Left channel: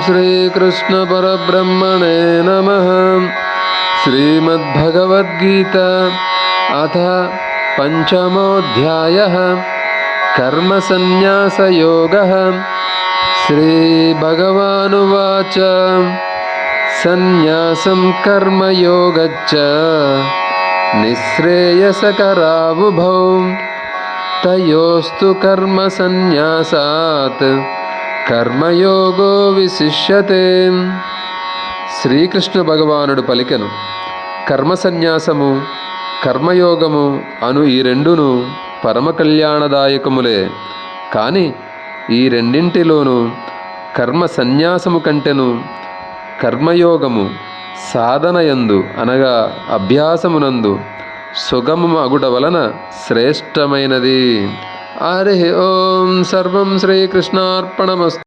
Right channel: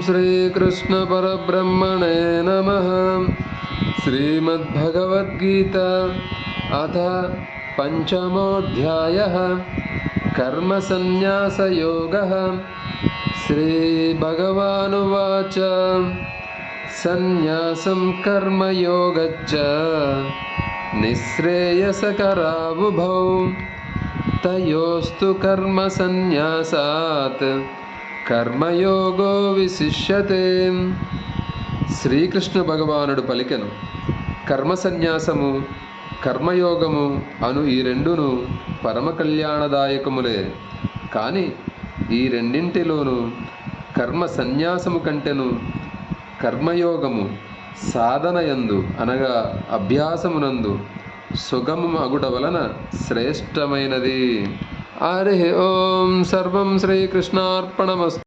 श्रीकृष्ण परब्रह्मणे नमः। श्रीमद्भगवद्गीता अथ पंचमोऽध्यायः कर्मसन्न्यासयोगः। श्रीभगवानुवाच सन्न्यासं कर्मयोगच्च निःश्रेयसकरावुभौ तयोस्तु कर्मसन्न्यासात् కర్మయోగో విశిష్యతే. శ్రీకృష్ణ భగవానుడు పలికెను, కర్మ సన్యాసము కర్మయోగము అను ఈ రెండును పరమ కళ్యాణదాయకములే. కాని ఈ రెండింటిలోనూ కర్మ సన్యాసము కంటెను కర్మయోగము సాధనయందు అనగా అభ్యాసమునందు సుగమము అగుట వలన శ్రేష్టమైనది. హరి ఓం. సర్వం శ్రీకృష్ణార్పణమస్తు.